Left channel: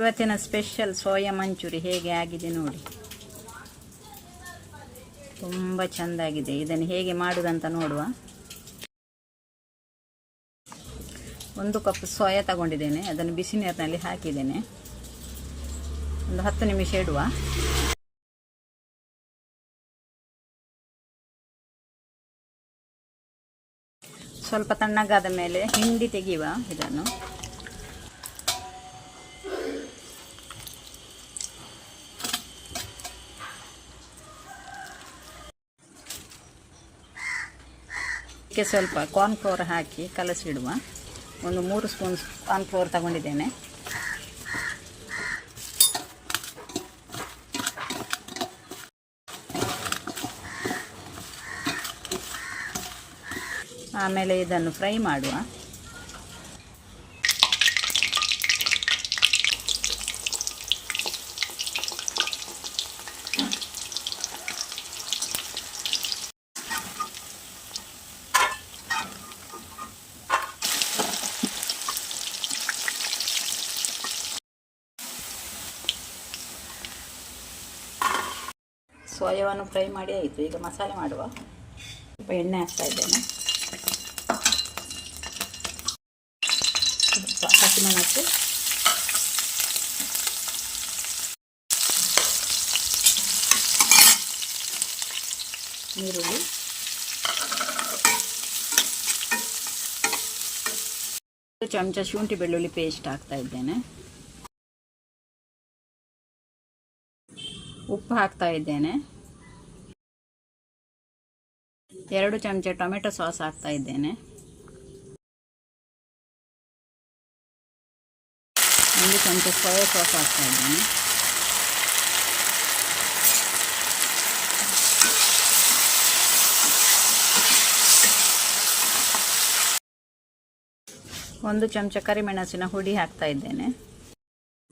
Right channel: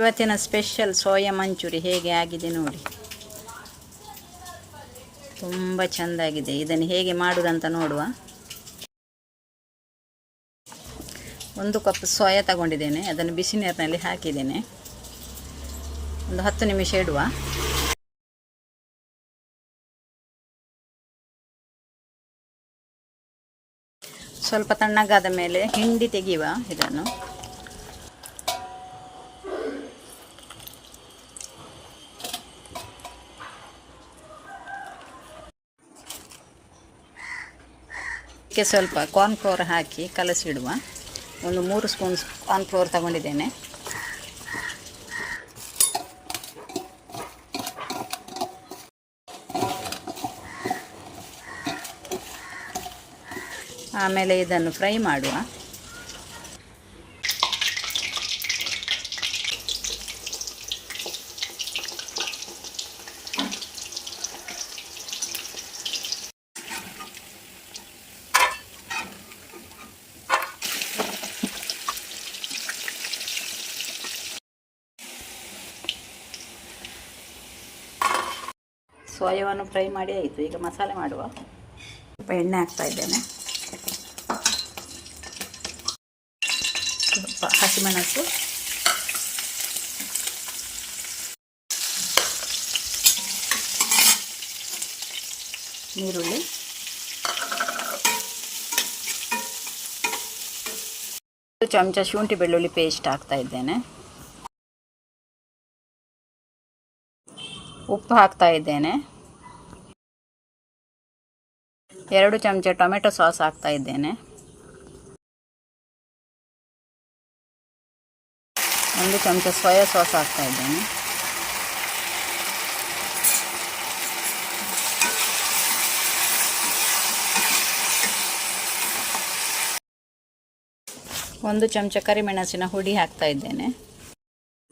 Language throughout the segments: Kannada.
ಇವತ್ತಿನ ಸ್ಪೆಷಲ್ ಸೋಯಾ ಮಂಚೂರಿ ಹೇಗೆ ಆಗಿದೆ ನೋಡಿ. ತುಂಬ ಚೆಂದಾಗಿದೆ. ಇದನ್ನು ಹೇಗೆ ಮಾಡುವುದಂತ ನೋಡುವ. ಒಂದು ಕಪ್ ಸೋಯಾ ತಗೊಂಡಿದ್ದೇನೆ. ಅದನ್ನು ಬಿಸಿ ನೀರಿನಲ್ಲಿ ಹಾಕಿದ್ದೇನೆ. ಒಂದು ಹತ್ತು ನಿಮಿಷ ಇಡುವ. ಸ್ವಲ್ಪ ತಣ್ಣಗಾದ ಮೇಲೆ ಹಿಂಡಿ ತೆಗೆಯುವ ಇದನ್ನು. ಇದಕ್ಕೆ ಸ್ವಲ್ಪ ಕಾರ್ನ್ಫ್ಲೋರ್ ಹಾಕಿ ಕಲಸಿಡುವ. ಒಂದು ಮೂರು ಸ್ಪೂನ್ ಕಾರ್ನ್ಫ್ಲೋರ್ ತಗೊಂಡಿದ್ದೇನೆ. ಆಮೇಲೆ ಇದನ್ನು ಫ್ರೈ ಮಾಡುವ. ಸೋಯಾವನ್ನು ಫ್ರೈ ಮಾಡಿ ಆಯಿತು. ಈಗ ಮಸಾಲೆ ಮಾಡುವ. ಸ್ವಲ್ಪ ಎಣ್ಣೆ ಹಾಕ್ತಾ ಇದ್ದೇನೆ. ಸ್ವಲ್ಪ ಹಸಿಮೆಣಸು. ಈರುಳ್ಳಿ. ಚಮಚ ಶುಂಠಿ ಬೆಳ್ಳುಳ್ಳಿ ಪೇಸ್ಟ್ ಹಾಕ್ತಾ ಇದ್ದೇನೆ. ಉಪ್ಪು ಹಾಕ್ತಾ ಇದ್ದೇನೆ. ಎರಡು ಚಮಚ ಟೊಮೆಟೊ ಸಾಸ್ ಹಾಕ್ತಾ ಇದ್ದೇನೆ. ಒಂದು ಚಮಚ ಸೋಯಾ ಸಾಸ್ ಹಾಕ್ತಾ ಇದ್ದೇನೆ. ಒಂದು ಚಮಚ ಕರಿಮೆಣಸಿನ ಹುಡಿ ಹಾಕ್ತಾ ಇದ್ದೇನೆ.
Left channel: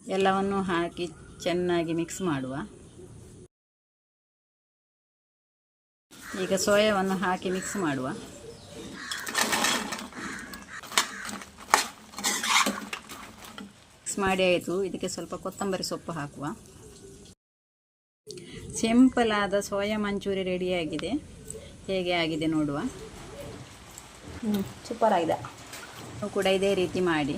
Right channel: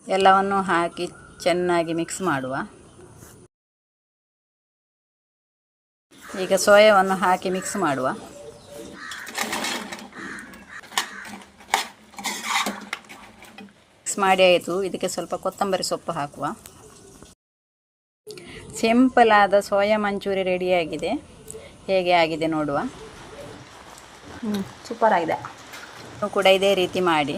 ಎಲ್ಲವನ್ನು ಹಾಕಿ ಚೆನ್ನಾಗಿ ಮಿಕ್ಸ್ ಮಾಡುವ. ಈಗ ಸೋಯಾವನ್ನು ಹಾಕಿ ಮಿಕ್ಸ್ ಮಾಡುವ. ಮಿಕ್ಸ್ ಮಾಡಿ ಆಯಿತು. ಇದಕ್ಕೆ ಸ್ವಲ್ಪ ಕೊತ್ತಂಬರಿ ಸೊಪ್ಪು ಹಾಕುವ. ಸಿಂಪಲ್ ಆದ ಸೋಯಾ ಮಂಚೂರಿ ರೆಡಿಯಾಗಿದೆ ಹೇಗೆ ಆಗಿದೆ ನೋಡುವ. ಹ್ಞೂ ಸೂಪರ್ ಆಗಿದೆ. ಕೂಡ ಇದೇ ರೀತಿ ಮಾಡಿ.